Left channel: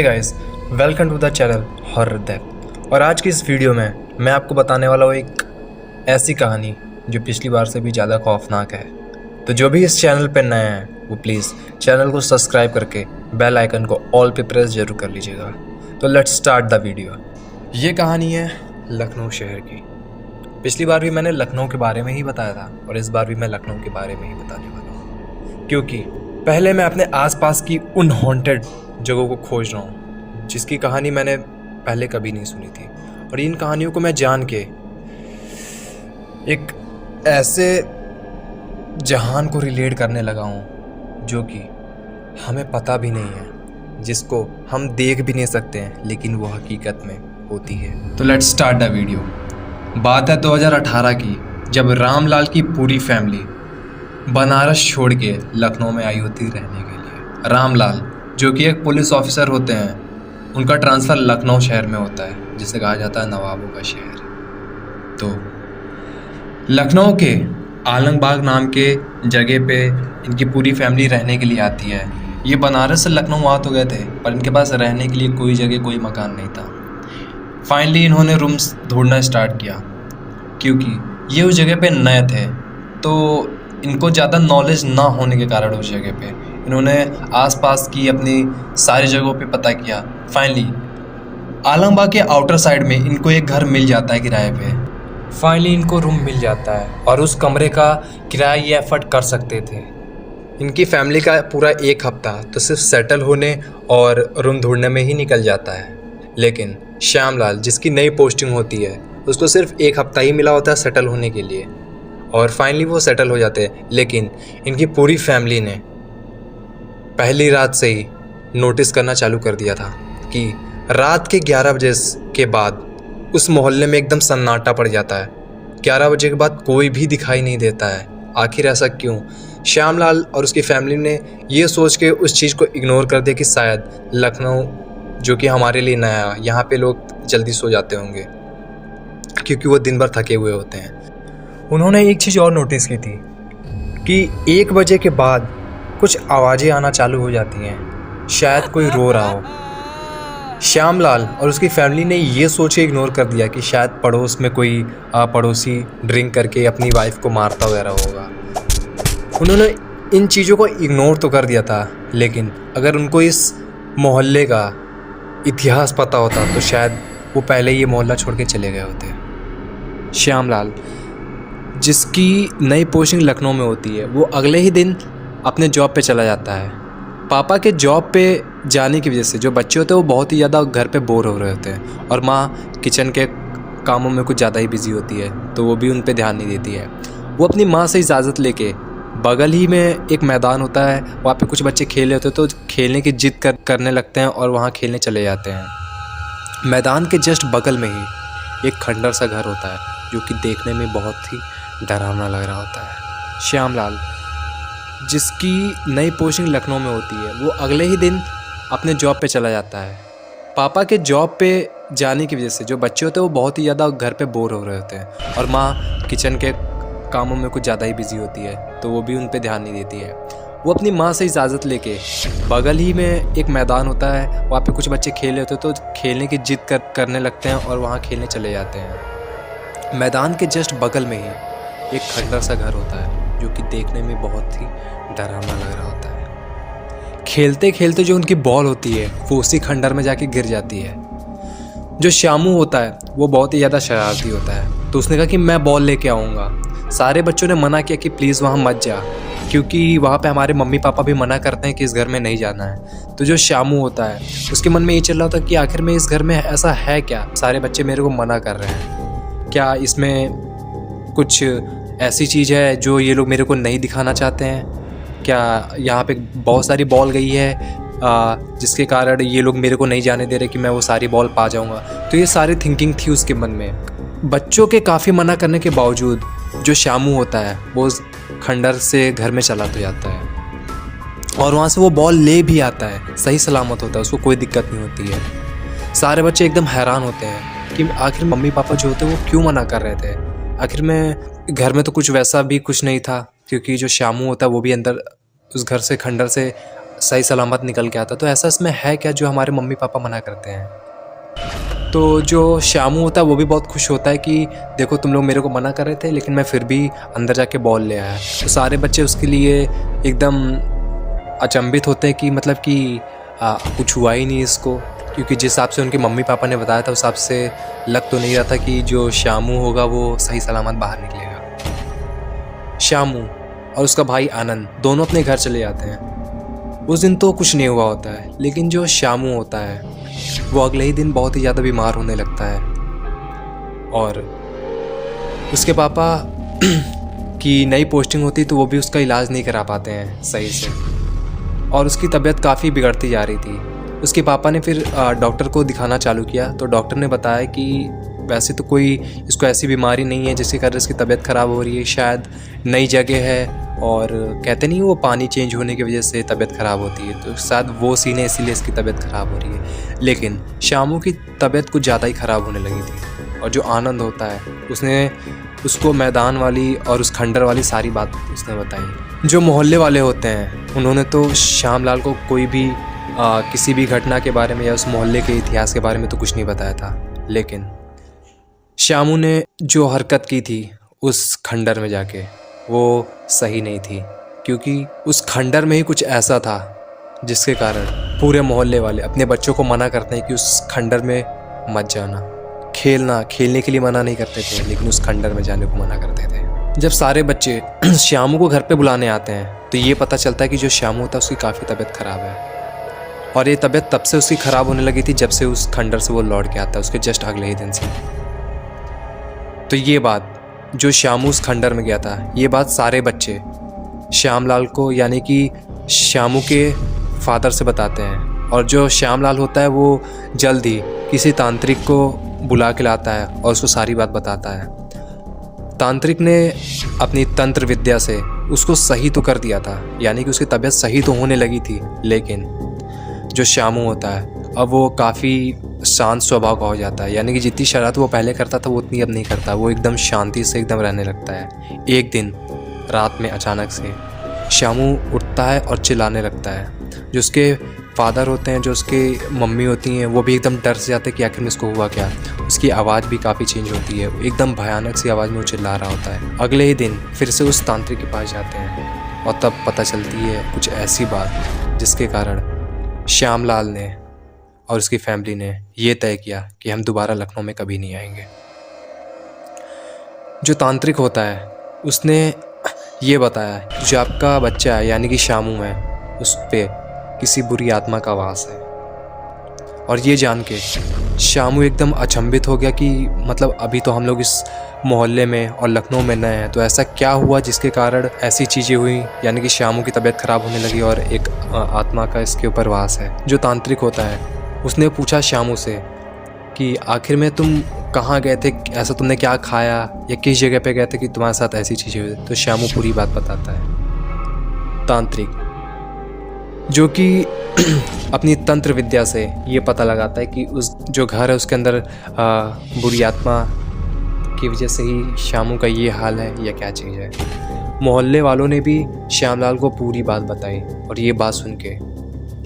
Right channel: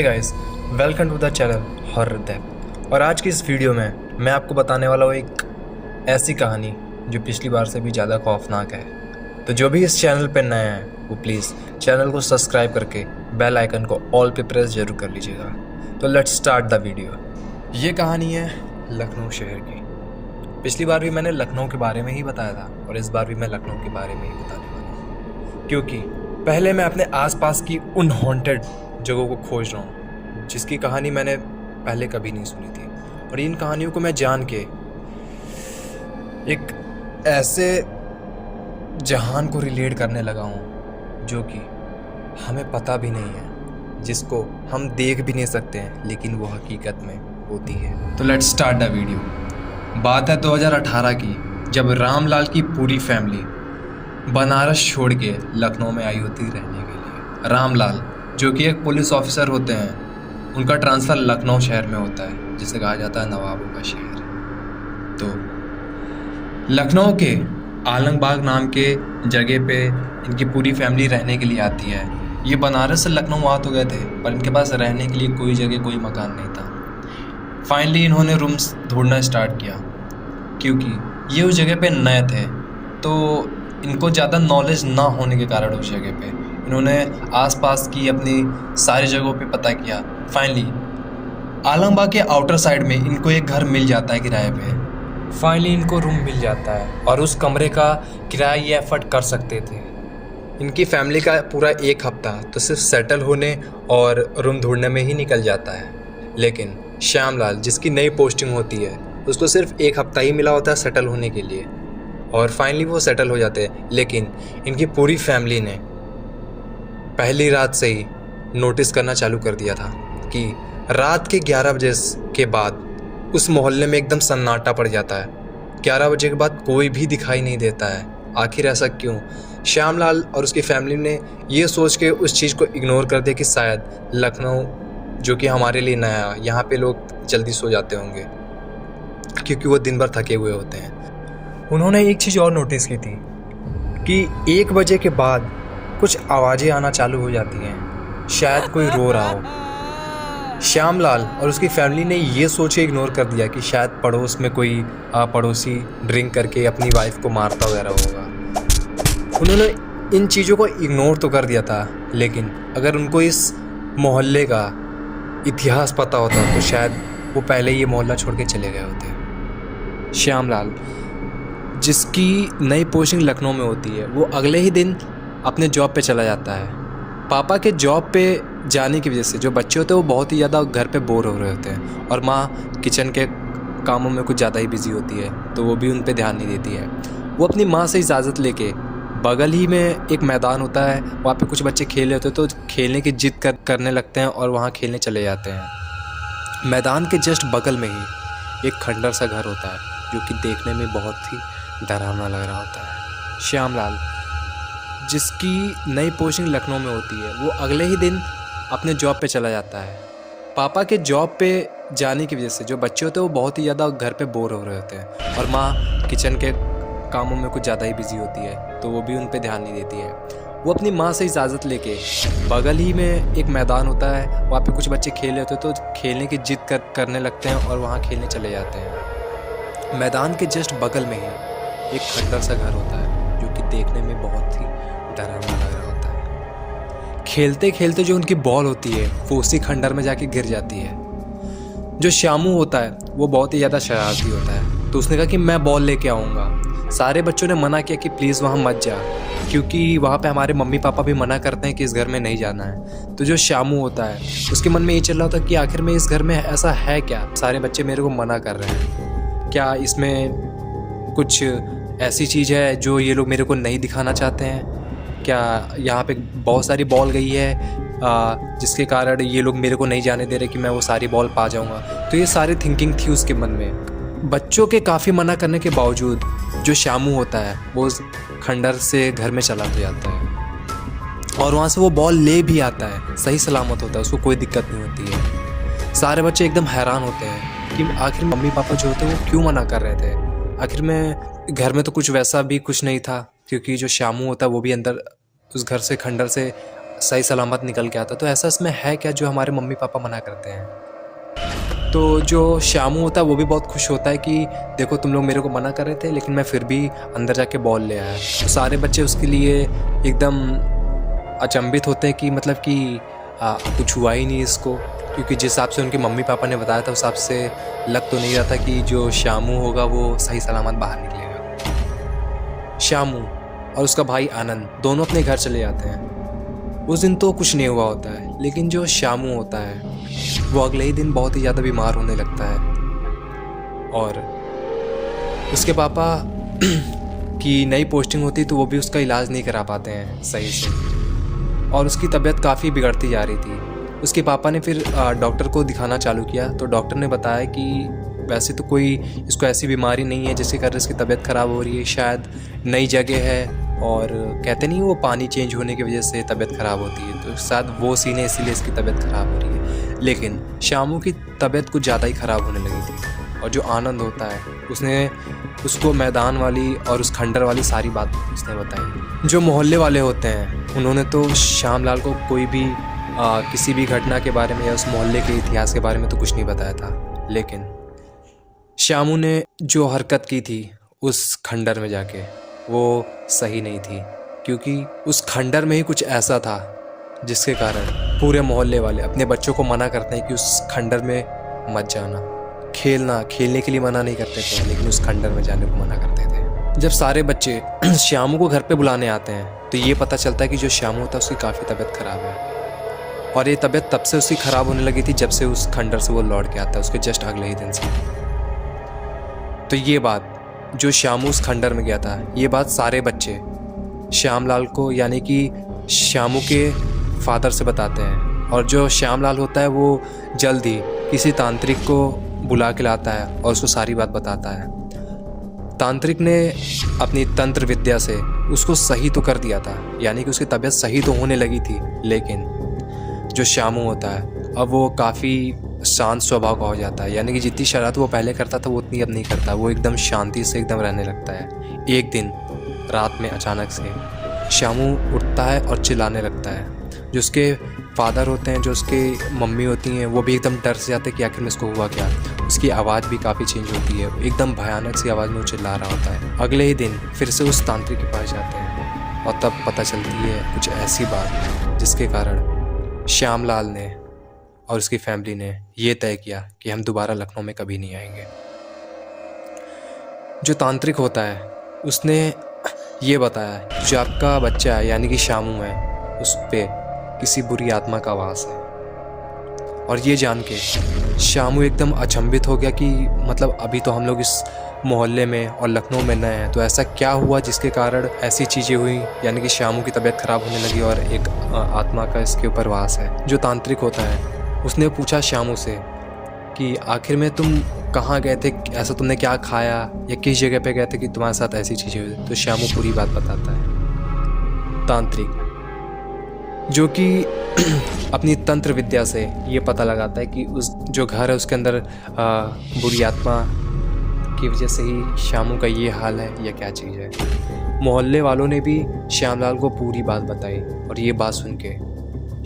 Hey guys, welcome to the channel horror Dep. और आज की इस वीडियो में मैं आपको बताने वाला हूँ एक ऐसी कहानी जो पिछली बार से भी ज़्यादा खौफनाक है। तो जो भी इस चैनल पर नए हैं वो प्लीज़ चैनल को सब्सक्राइब करके बेल आइकन को ऑल पे प्रेस जरूर कर लीजिएगा। तो लेट्स स्टार्ट द वीडियो। ये कहानी है लखनऊ शहर की। पिछली बार भी मैंने लखनऊ के बारे में ही बताया था और इस बार भी मैं लखनऊ के बारे में ही बताने वाला हूँ, क्योंकि पहले मैं अपने आसपास की उन हॉन्टेड जगहों को खोज रहा हूँ जिसकी कहानी मैंने पहले कभी नहीं सुनी थी। और इन कहानियों को मैं जान के एक ऐसे जहान को रिलेट करने लगा हूँ जो कि हमें पता भी नहीं है, जिसको हम देख भी नहीं सकते हैं, लेकिन वो हकीकत में होती है। तो लेट्स स्टार्ट द वीडियो। बात है 2018 की, जब रामलाल की पूरी फैमिली बनारस छोड़ के लखनऊ में आई होती रहने के लिए। रामलाल जो कि एक पुलिस ऑफिसर होते हैं, उनका ट्रांसफ़र लखनऊ शहर में होता है, जिसे कहा जाता है नवाबों का शहर। तो लखनऊ के आलमबाग नाम के जगह पे इनकी पूरी फैमिली रहने के लिए आती है। ये बनारस से लखनऊ आ तो गए थे, पर इनके पास रहने के लिए कोई जगह, कोई मकान नहीं था। फाइनली इन्होंने रूम्स ढूंढना स्टार्ट किया, क्योंकि ये उस जगह पे नए थे, तो इनको ज़्यादा नॉलेज ना होने के कारण उस जगह पे इन्होंने आसपास की अपनी सारी जगहों पे पता किया। फाइनली आलमबाग के आउटर साइड में इनको एक घर मिल जाता है किराए पे। फाइनली इनको रूम मिल जाता है और उस कमरे का किराया ये एफर्ट कर सकते थे। इनकी फैमिली का पूरा एक हफ्ता तो सिर्फ सेटल होने और रूम ढूंढने में ही निकल जाता है। लेकिन श्यामलाल, जिसकी नई पोस्टिंग होती है, उसको सिर्फ एक हफ्ता ही मिला होता है सेटल होने के लिए, और फाइनली वो सेटल हो जाते हैं। लेकिन इनकी पूरी फैमिली ने पहली रात से ही नोटिस करना चालू कर दिया था कि रात के 11 बजे के बाद उस मोहल्ले में एकदम सन्नाटा पड़ जाता है। 11 बजे के बाद कोई भी दिखाई नहीं देता है। आखिर ऐसा क्यों? श्यामलाल और उसकी फैमिली ने ये सोच के उस चीज़ को इग्नोर कर दिया कि शायद लखनऊ, जो कि हमारे लिए नया है, यहाँ पे लोग जल्दी सो जाते होंगे क्योंकि वो दिन भर थके हुए होते हैं। उन्होंने एक चीज़ और नोटिस की थी कि 1 बजे के बाद कुछ आवाज़ें आना चालू हो जाती हैं, शायद कोई रो रहा हो। श्यामलाल और उसकी फैमिली ने ये सोचे इग्नोर कर दिया कि शायद पड़ोस में कोई पड़ोसी ड्रिंक करके अपनी वाइफ को मारता वगैरह होगा। उन्होंने इन चीज़ों को इग्नोर तो कर दिया था, लेकिन अगर उनको इस मोहल्ले का इतिहास पता होता तो शायद वो पहले ये मोहल्ला छोड़ के चले गए होते। श्यामलाल, जिसकी नई पोस्टिंग लखनऊ में होती है, वो अगले ही दिन अपने जॉब पे चला जाता है। पापा के जॉब पे जाने की वजह से जो बच्चे होते हैं वो बहुत ही ज़्यादा घर पे बोर हो रहे होते हैं, और माँ किचन के कामों में कुछ ज़्यादा ही बिजी होती है, तो वो भी उन पे ध्यान नहीं देती है। वो अपनी माँ से इजाज़त लेके बगल ही में एक मैदान होता है, वहाँ पे कुछ बच्चे खेल रहे होते हैं, तो खेलने की जिद करने लगते हैं और वहाँ खेलने चले जाते हैं। मैदान के जस्ट बगल में ही एक खंडर सा घर होता है, जो कि देखने में बहुत ही डरावना लग रहा होता है। श्यामलाल, जिसकी नई पोस्टिंग लखनऊ में होती है, वो अगले ही दिन अपने जॉब पे चला जाता है। पापा के जॉब पे जाने की वजह से जो बच्चे होते हैं वो बहुत ही ज़्यादा घर पे बोर हो रहे होते हैं, और माँ किचन के कामों में कुछ ज़्यादा ही बिजी होती है, तो वो भी उन पे ध्यान नहीं देती है। वो अपनी माँ से इजाज़त लेके बगल ही में एक मैदान होता है, वहाँ पे कुछ बच्चे खेल रहे होते हैं, तो खेलने की जिद करने लगते हैं और वहाँ खेलने चले जाते हैं। मैदान के जस्ट बगल में ही एक खंडर सा घर होता है, जो कि देखने में बहुत ही डरावना लग रहा होता है। खेलते खेलते जो उनकी बॉल होती है वो उसी खंडर में जाके गिर जाती है। जो श्यामू होता है वो बहुत ही ज़्यादा शरारती होता है, तो उसने कहा कि मैं बॉल लेके आऊँगा। सारे बच्चों ने मना किया कि प्लीज़ वहाँ मत जा, क्योंकि वहाँ पे हमारे मम्मी पापा भी मना करते हैं कि इस घर में नहीं जाना है। तो जो श्यामू होता है उसके मन में ये चल रहा था कि आखिर में इस घर में ऐसा है क्या, सारे बच्चे मेरे को मना कर रहे हैं, क्या इसमें कुछ ऐसी चीज़ है जो ये लोग मेरे को नहीं दिखाना चाहते हैं? क्या यहाँ पे बहुत सारी बॉल गई है जिसके कारण ये लोग मेरे को नहीं जाने दे रहे कि मैं वो सारी बॉल पा जाऊँगा? तो ये सारी थिंकिंग थी उसके मन में। बच्चों के काफ़ी मना करने के बावजूद जो श्यामू होता है वो खंडर से घर में चला तो जाता है, और वहाँ से वो बॉल ले भी आता है, सही सलामत होता है, उसको कोई दिक्कत नहीं होती है। सारे बच्चे एकदम हैरान होते हैं कि आखिर मम्मी पापा जो होते हैं वो क्यों मना कर रहे थे। आखिर में घर में तो कुछ वैसा भी कुछ नहीं था, क्योंकि जो श्यामू होता है वो भी अंदर उस घर से, खंडर से सही सलामत निकल के आता। तो ऐसा इसमें है क्या जो हमारे मम्मी पापा मना करते हैं? तो जो श्यामू होता है वो भी बहुत खुश होता है कि देखो तुम लोग मेरे को मना कर रहे थे लेकिन मैं फिर भी अंदर जाके बॉल ले आया। तो सारे बच्चे उसके लिए एकदम अचंभित होते हैं कि मतलब कि कुछ हुआ ही नहीं इसको, क्योंकि जिस हिसाब से उनके मम्मी पापा ने बताया था उस हिसाब से लग तो नहीं रहा था कि जो श्यामू होगा वो सही सलामत बाहर निकलेगा। श्यामू और उसका भाई आनंद दोनों अपने घर चले जाते हैं। उस दिन तो कुछ नहीं हुआ होता है, लेकिन जो श्यामू होता है वो अगले ही दिन बहुत ही ज़्यादा बीमार होने लगता है और उसके पापा की नई पोस्टिंग होती तो वो भी उसका इलाज नहीं करा पाते हैं सही से और उसकी तबीयत काफ़ी बिगड़ती जा रही थी। उसके पापा ने फिर डॉक्टर को दिखाना चालू किया तो डॉक्टर ने बताया कि वैसे तो कोई इसको ऐसी बीमारी नहीं है जिसके कारण इसकी तबीयत ख़राब हो रही है, शायद नई जगह है और कहते नहीं वो पानी चेंज होने की वजह से तबीयत ख़राब होती है, तो शायद वो सीन है इसीलिए इसकी तबीयत ख़राब हो रही है। लेकिन श्यामू की तबीयत कुछ ज़्यादा ही ख़राब होने लगी थी और जो आनंद होता है उसने उसको मैदान वाली और उस खंडर वाली सारी बात उसने बताई। जो मोहल्ले वाले होते हैं उन्होंने तो श्यामलाल को कोई भी किसी भी घटना के बारे में या उस मोहल्ले के इतिहास के बारे में तो कुछ नहीं बताया था, लेकिन श्यामू ने जो हरकत की थी उस खंडर में जाके वो सही नहीं थी, क्योंकि उस खंडर में ही कुछ ऐसा था जिसके कारण पूरे मोहल्ले वाले अपने बच्चों को मना करते हैं कि उस खंडर में मत जाना। खेलने के लिए मना नहीं करते थे, लेकिन उस खंडर में जाने को मना करते थे। जब सारे बच्चे श्यामू को घर पे बुलाने आते हैं तो ये पता चलता है कि जो श्यामू था उसकी काफ़ी तबीयत ख़राब है और ये तबीयत तब से उसकी ख़राब होने लगी थी जब से उस खंडर से वो लौट के आता है, उसके जस्ट अगले ही दिन से। तो ये बात जो श्यामू उस खंडर में गया था, ये बात सारे बच्चे श्यामलाल को यानी कि श्यामू के फादर से बताते हैं और जो श्यामलाल होता है वो जल्द ही किसी तांत्रिक को बुला के लाता है और उसको सारी बात बताता है। तांत्रिक ने अपनी तंत्र विद्या से उसको सही तो कर दिया था, यानी कि उसकी तबीयत सही तो होने लगी थी, लेकिन जो श्यामू होता है अब वो काफ़ी शांत स्वभाव का हो जाता है, यानी कि जितनी शरारत वो पहले करता था वो उतनी अब नहीं करता, वो एकदम शांति से एकदम रहने लगता है। एक दिन रात में अचानक से श्यामू उठता है और चिल्लाने लगता है। जो उसके फादर होते हैं, जो उसके मम्मी होती हैं, वो भी एकदम डर से जाते हैं कि आखिर में इसको हुआ क्या। उसकी आवाज़ भी काफ़ी चेंज होती है, एकदम भयानक सी आवाज़ में वो चिल्ला रहा होता है। अगले ही दिन फिर से उस तांत्रिक के पास जाते हैं और तब पता चलती है कुछ ऐसी बात जिसके कारण श्यामलाल ने और उसकी फैमिली ने ये तय किया कि हम दोबारा लखनऊ में कभी नहीं आएंगे। जो तांत्रिक होता है उसने ये बताया जो आपका बच्चा है यानी कि श्यामू है उस पर किसी बुरी आत्मा का वास है। और ये जान के श्यामू एकदम अचंभित हो गया कि मतलब अभी तो हम लोग इस मोहल्ले में और लखनऊ में नए हैं, तो ऐसा क्या हुआ जिसके कारण ऐसी चीज़ें हुई, यानी कि श्यामू की तबीयत ख़राब होने लगी और एक आत्मा का इसके ऊपर वास है। जो तांत्रिक होता है उसने पूछा श्यामू से कि आखिर में तुम कहाँ गए थे, ऐसा तुमने क्या खाया या किस जगह पे गए थे कि तुम्हारे साथ ऐसी चीज़ें हुई। तो श्यामू पूरी बात बताता है। तांत्रिक जो कि अपनी तंत्र विद्या से ये पता लगाता है कि उस जो घर है उसके अंदर बुरी आत्मा की वजह से ही श्यामू का ये हाल है या क्या चीज़ है। मोहल्ले वालों ने भी श्यामलाल को पूरी बात बताई और ये बात सुन के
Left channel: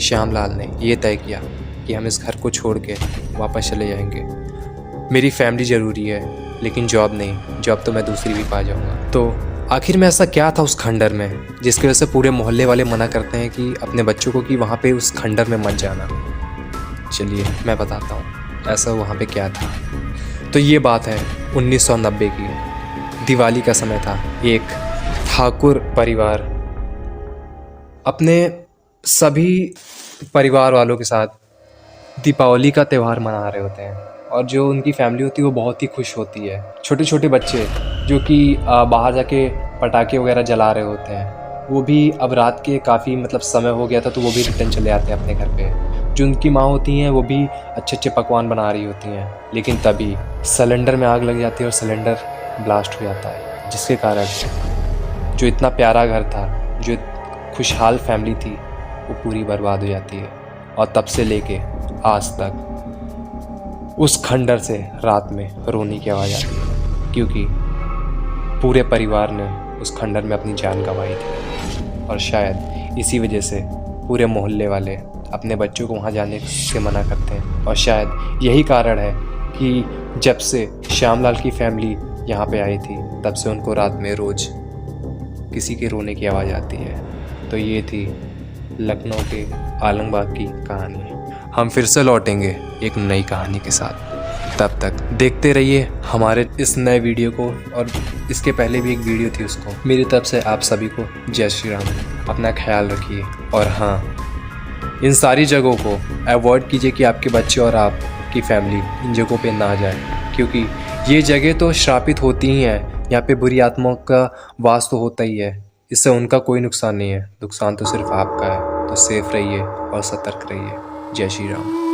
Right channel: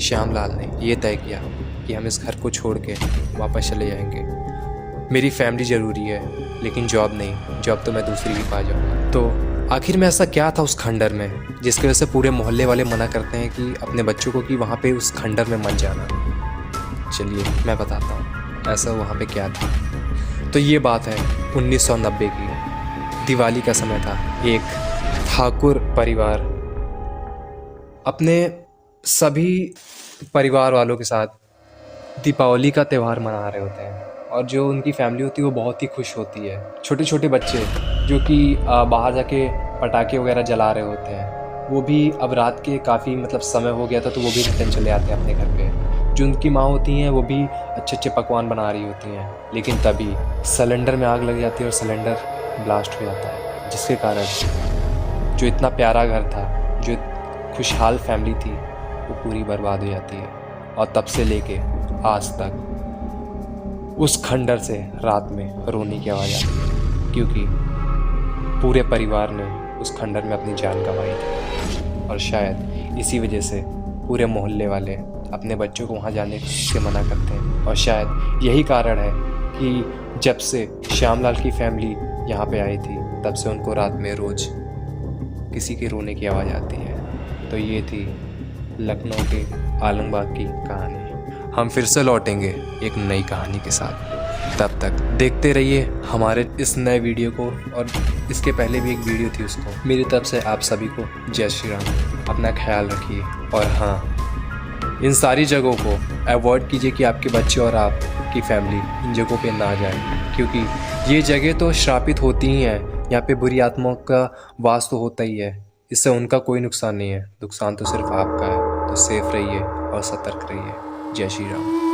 श्यामलाल ने ये तय किया कि हम इस घर को छोड़ के वापस चले जाएंगे। मेरी फैमिली ज़रूरी है लेकिन जॉब नहीं, जॉब तो मैं दूसरी भी पा जाऊँगा। तो आखिर में ऐसा क्या था उस खंडर में जिसकी वजह से पूरे मोहल्ले वाले मना करते हैं कि अपने बच्चों को कि वहाँ पे उस खंडर में मत जाना। चलिए मैं बताता हूँ ऐसा वहाँ पे क्या था। तो ये बात है 1990 की, दिवाली का समय था। एक ठाकुर परिवार अपने सभी परिवार वालों के साथ दीपावली का त्यौहार मना रहे होते हैं और जो उनकी फैमिली होती है वो बहुत ही खुश होती है। छोटे छोटे बच्चे जो कि बाहर जाके पटाखे वगैरह जला रहे होते हैं, वो भी अब रात के काफ़ी मतलब समय हो गया था तो वो भी रिटर्न चले आते हैं अपने घर पे। जो उनकी माँ होती हैं वो भी अच्छे अच्छे पकवान बना रही होती हैं, लेकिन तभी सिलेंडर में आग लग जाती है और सिलेंडर ब्लास्ट हो जाता है, जिसके कारण जो इतना प्यारा घर था, जो खुशहाल फैमिली थी, वो पूरी बर्बाद हो जाती है। और तब से लेके आज तक उस खंडर से रात में रोने की आवाज़ आती है, क्योंकि पूरे परिवार ने उस खंडर में अपनी जान गंवाई थी और शायद इसी वजह से पूरे मोहल्ले वाले अपने बच्चों को वहाँ जाने से मना करते हैं। और शायद यही कारण है कि जब से श्यामलाल की फैमिली यहाँ पे आई थी तब से उनको रात में रोज़ किसी के रोने की आवाज़ आती है। तो ये थी लखनऊ के आलमबाग की कहानी। हम फिर से लौटेंगे एक नई कहानी के साथ। तब तक देखते रहिए हमारे इस नए वीडियो को, और इसके पहले भी एक वीडियो थी उसको। मेरी तरफ से आप सभी को जय श्री राम। अपना ख्याल रखिए, और हाँ, इन सारी जगहों को अवॉइड कीजिए कि आपके बच्चे और आपकी फैमिली इन जगहों पे ना जाए, क्योंकि ये जगह तो श्रापित होती ही हैं। यहाँ पे बुरी आत्माओं का वास तो होता ही है। इससे उनका कोई नुकसान नहीं है, नुकसान तो सिर्फ आपका है। तो सेफ रहिए और सतर्क रहिए। जय श्री राम।